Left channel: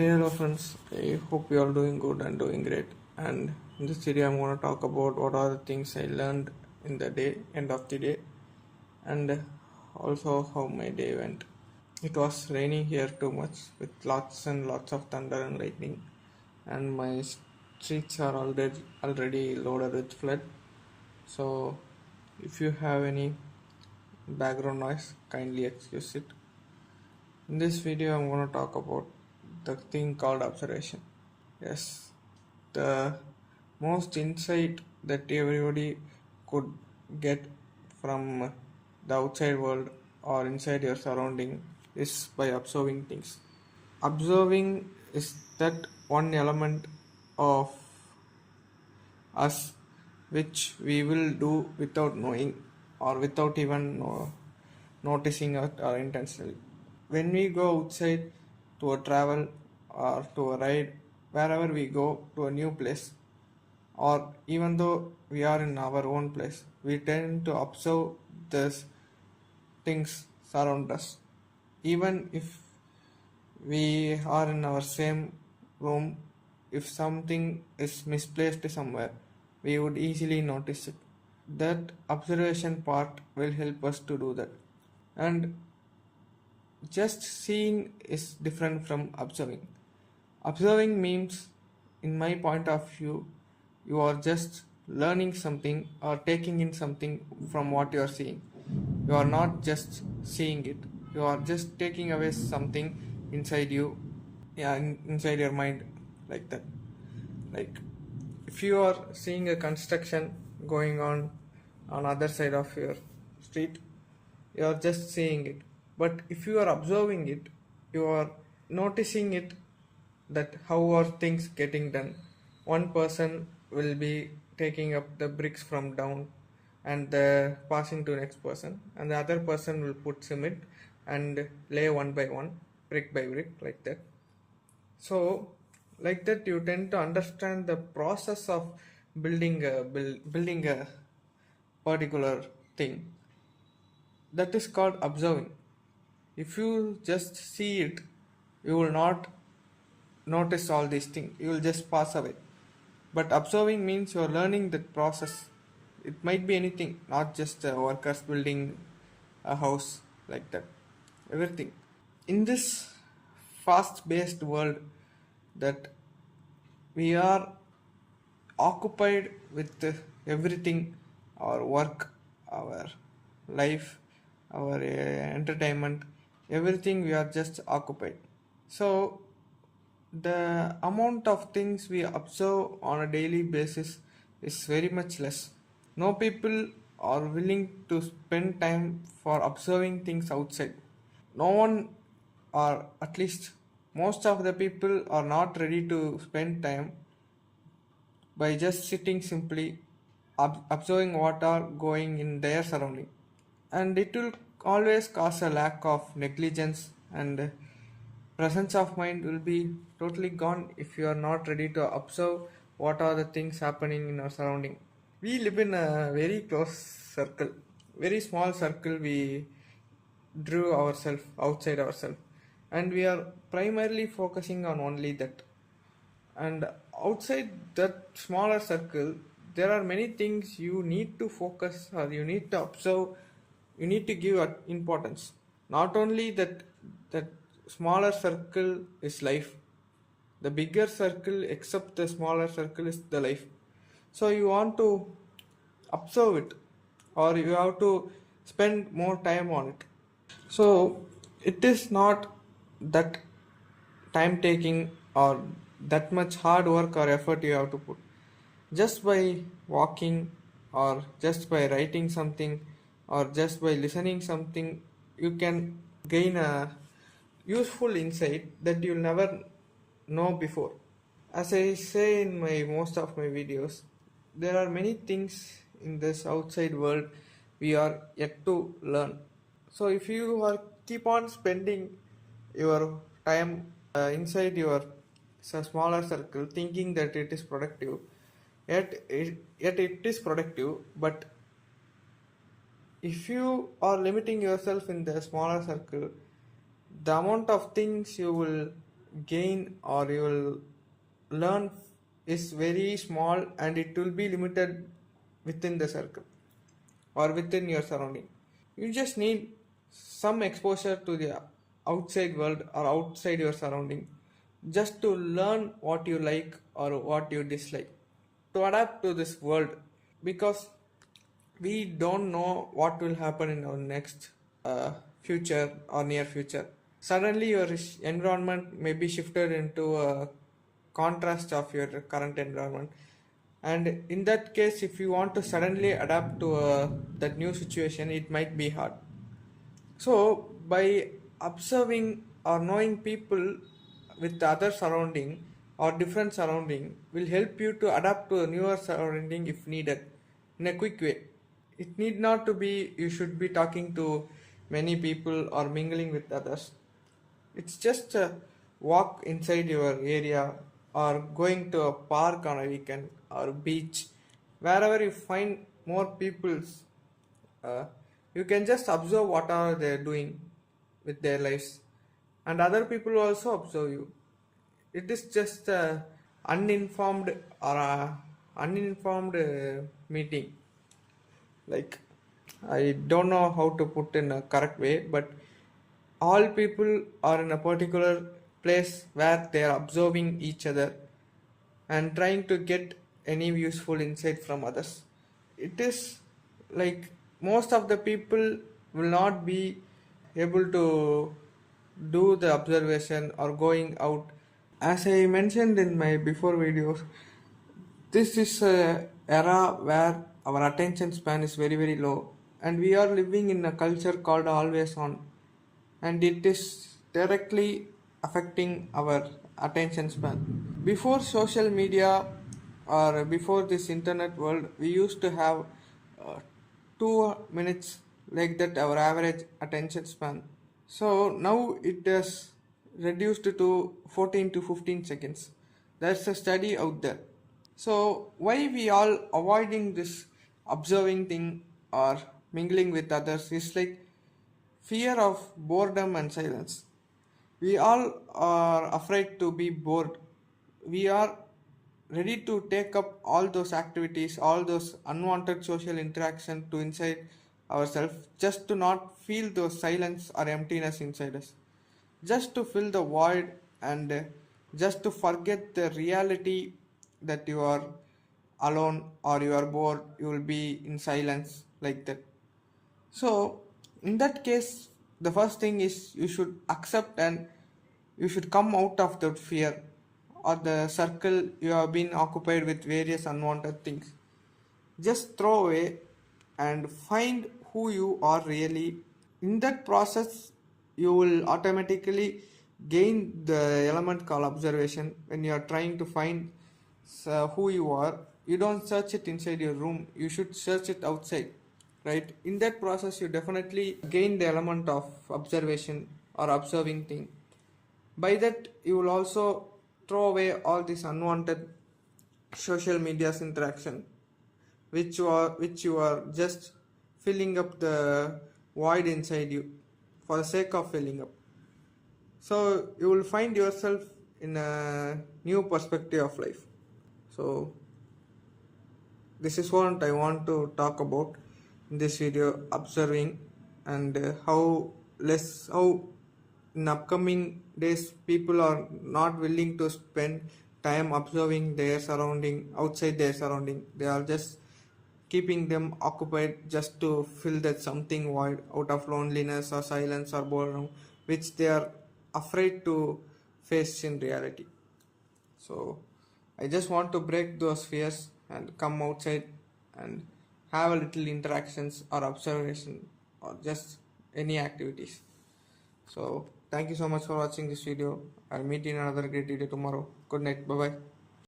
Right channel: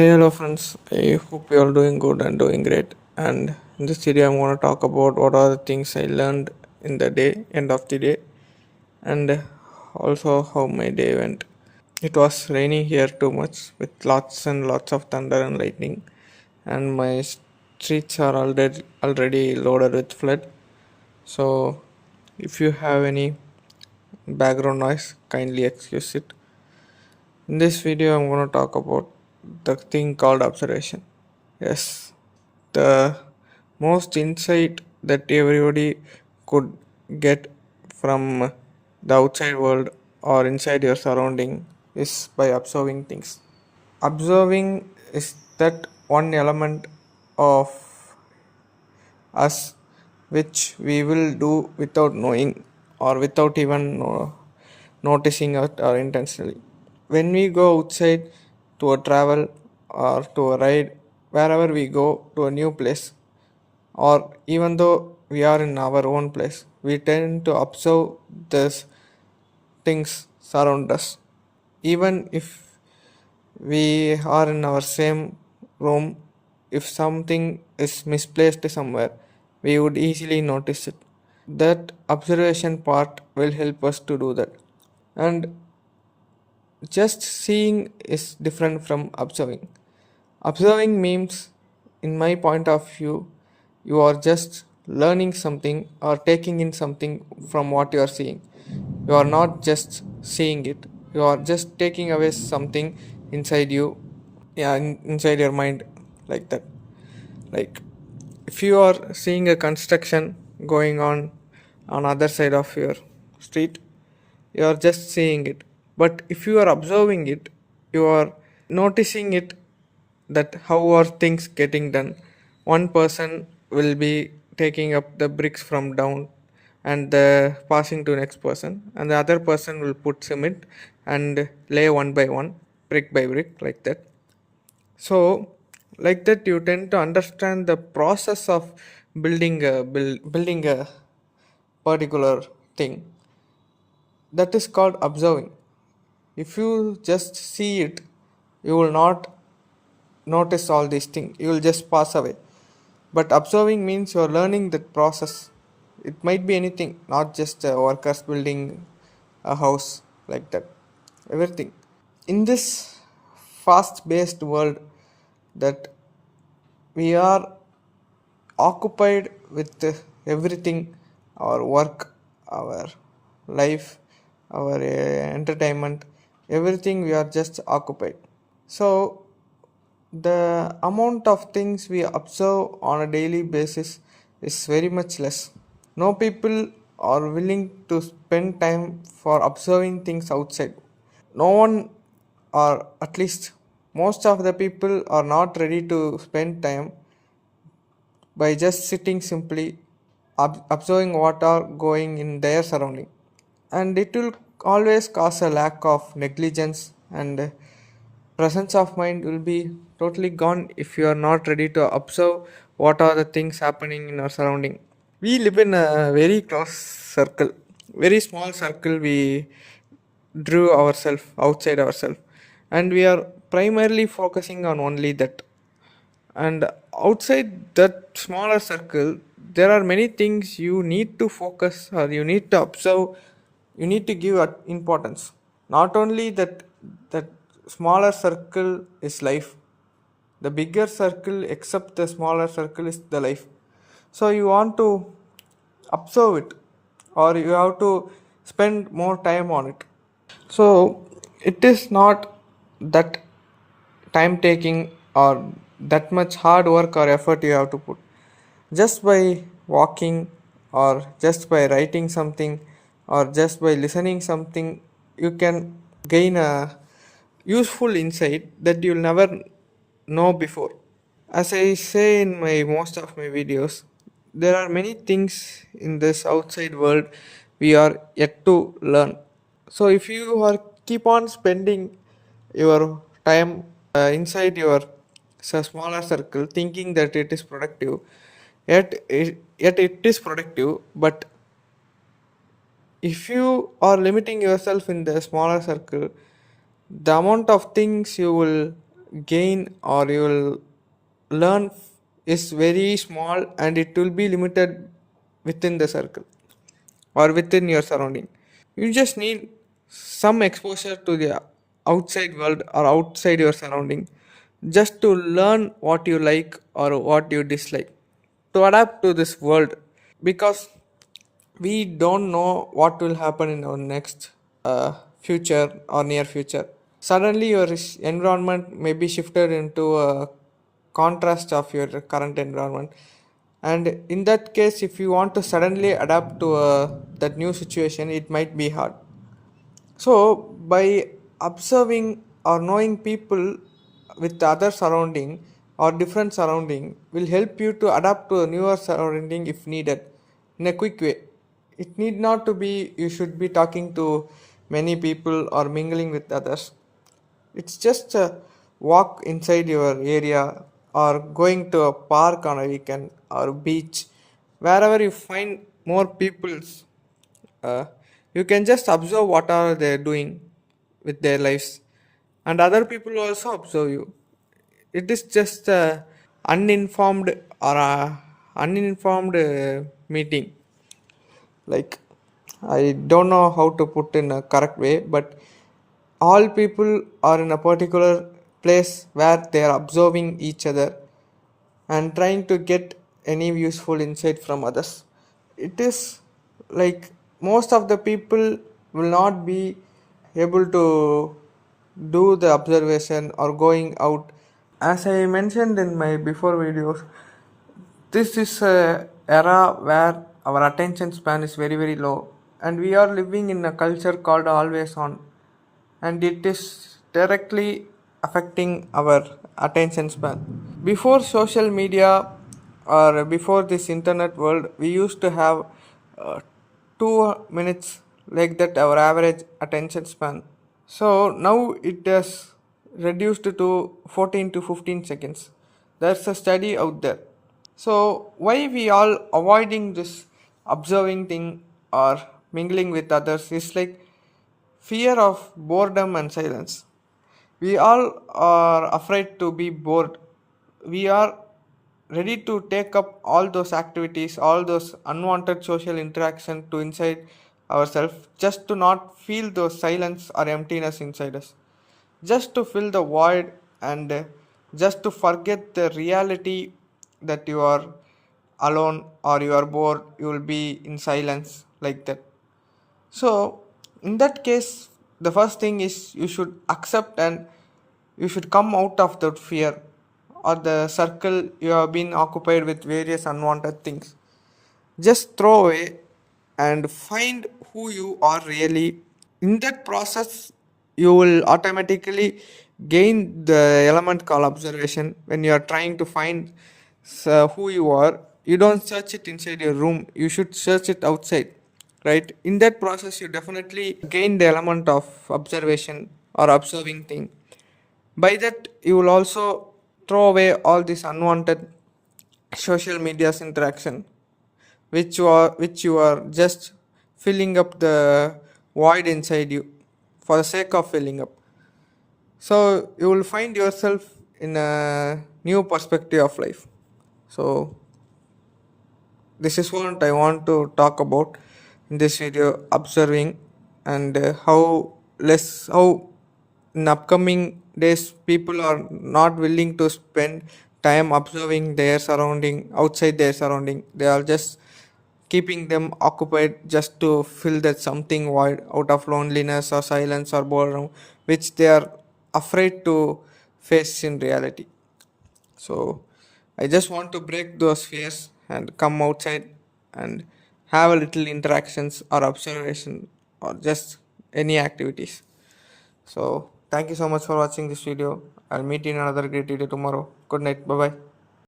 Hey, hello friends. I hope you are doing good and doing great. And in this video, I'm going to talk about what are the things I learned in the day, end of the day, and also how my day went. It was raining here too much with lots and lots of thunder and lightning, and my streets are already loaded with flood. So, if you have any background noise, kindly excuse it. In this video, I'm going to talk about the thing called observation. Yes, the most insight that everybody could get from the outside world or inside your surrounding is by observing things. Observing is that one element of us which we will do without knowing or without even noticing it or intentionally. When we go outside to a travel or to a ride, wherever we go to a new place, or even though we are in our own place, we tend to observe these things surround us. Even if we are in our same room, if something is misplaced somewhere, we would easily notice it. That observation part will help us to do that. And just seeing is different from observing. Observing means, in my point of view, you are just learning something or taking in something from what you are seeing. You are not just seeing it, you are just taking away something inside you, yeah, inside your mind, like that. Like, if you are seeing a construction going on other side of your street, you are just seeing it. But if you are observing it, you are noticing it, that how are things getting done. One person will be taking up the bricks from down and passing to next person, and the other person will put cement and lay one by one, brick by brick, like that. So, like that, you tend to understand the process of building a particular thing. That is called observing. If you just see it, you will not notice all these things. You will just pass away. But observing means you are learning that process. It might be anything, not just workers building a house, like that. Everything. In this fast-paced world that we are occupied with everything, our work, our life, our entertainment, everything, we are just occupied. So the amount of things we observe on a daily basis is very much less. No people are willing to spend time for observing things outside. No one, or at least most of the people, are not ready to spend time by just sitting simply observing what are going in their surrounding. And it will always cause a lack of negligence, and presence of mind will be totally gone if you are not ready to observe what are the things happening in our surrounding. We live in a very close circle, very small circle. We drew ourselves outside ourselves, and we are primarily focusing on only that. And outside that smaller circle, there are many things you need to focus, or you need to observe, you need to give importance. Not only that smaller circle is life, the bigger circle except the smaller circle is the life. So you want to observe it, or you have to spend more time on it. So it is not that time taking or that much hard work or effort you have to put. Just by walking, or just by writing something, or just by listening something, you can gain a useful insight that you'll never know before. As I say in my most of my videos, there are many things in this outside world we are yet to learn. So if you are keep on spending your time inside your smaller circle, thinking that it is productive, yet it is productive, but if you are limiting yourself in the smaller circle, the amount of things you will gain or you will learn is very small, and it will be limited within the circle or within your surrounding. You just need some exposure to the outside world or outside your surrounding just to learn what you like or what you dislike, to adapt to this world, because we don't know what will happen in our next future or near future. Suddenly your environment may be shifted into a contrast of your current environment, and in that case if you want to suddenly adapt to that new situation, it might be hard. So by observing or knowing people with the other surrounding or different surrounding will help you to adapt to a newer surrounding if needed in a quick way. It need not to be you should be talking to many people or mingling with others. It's just a walk inside your area or going to a park on a weekend or beach, wherever you find more peoples. You can just observe what are they doing with their lives, and other people will also observe you. It is just a uninformed or a uninformed meeting. Like, I don't know how to put in a correct way, but all people are in a particular place where they are observing each other and trying to get any useful insight from others. It is like most of the people will not be able to do the observation or going out. As I mentioned in my before videos, this is a era where our attention span is very very low, and we are living in a culture called always on, and it is directly affecting our attention span. Before social media or before this internet world, we used to have 2 minutes, like that our average attention span. So now it has reduced to 14 to 15 seconds. There's a study out there. So why we all avoiding this observing thing or mingling with others is like fear of boredom and silence. We all are afraid to be bored. We are ready to take up all those activities, all those unwanted social interaction to inside ourselves, just to not feel those silence or emptiness inside us, just to fill the void, and just to forget the reality that you are alone or you are bored, you will be in silence like that. So, in that case, the first thing is you should accept and you should come out of that fear or the circle you have been occupied with various unwanted things. Just throw away and find who you are really. In that process, you will automatically gain the element called observation. When you are trying to find who you are, you don't search it inside your room, you should search it outside, right? In that process you definitely gain the element of observation or observing thing. By that you will also throw away all this unwanted social media's interaction, which you are just filling up the void inside you for the sake of filling up. So you will find yourself in a new perspective of life. So this is what I want to talk about in this video, observing, and how in upcoming days people are not willing to spend time observing their surrounding outside their surrounding. They are just keeping them occupied just to fill that something void out of loneliness or silence or boredom, which they are afraid to face in reality. So I just want to break those fears and come outside and have a little interactions or observation or just any activities. So thank you so much for watching this video. I'll meet you in another great video tomorrow. Good night. Bye bye.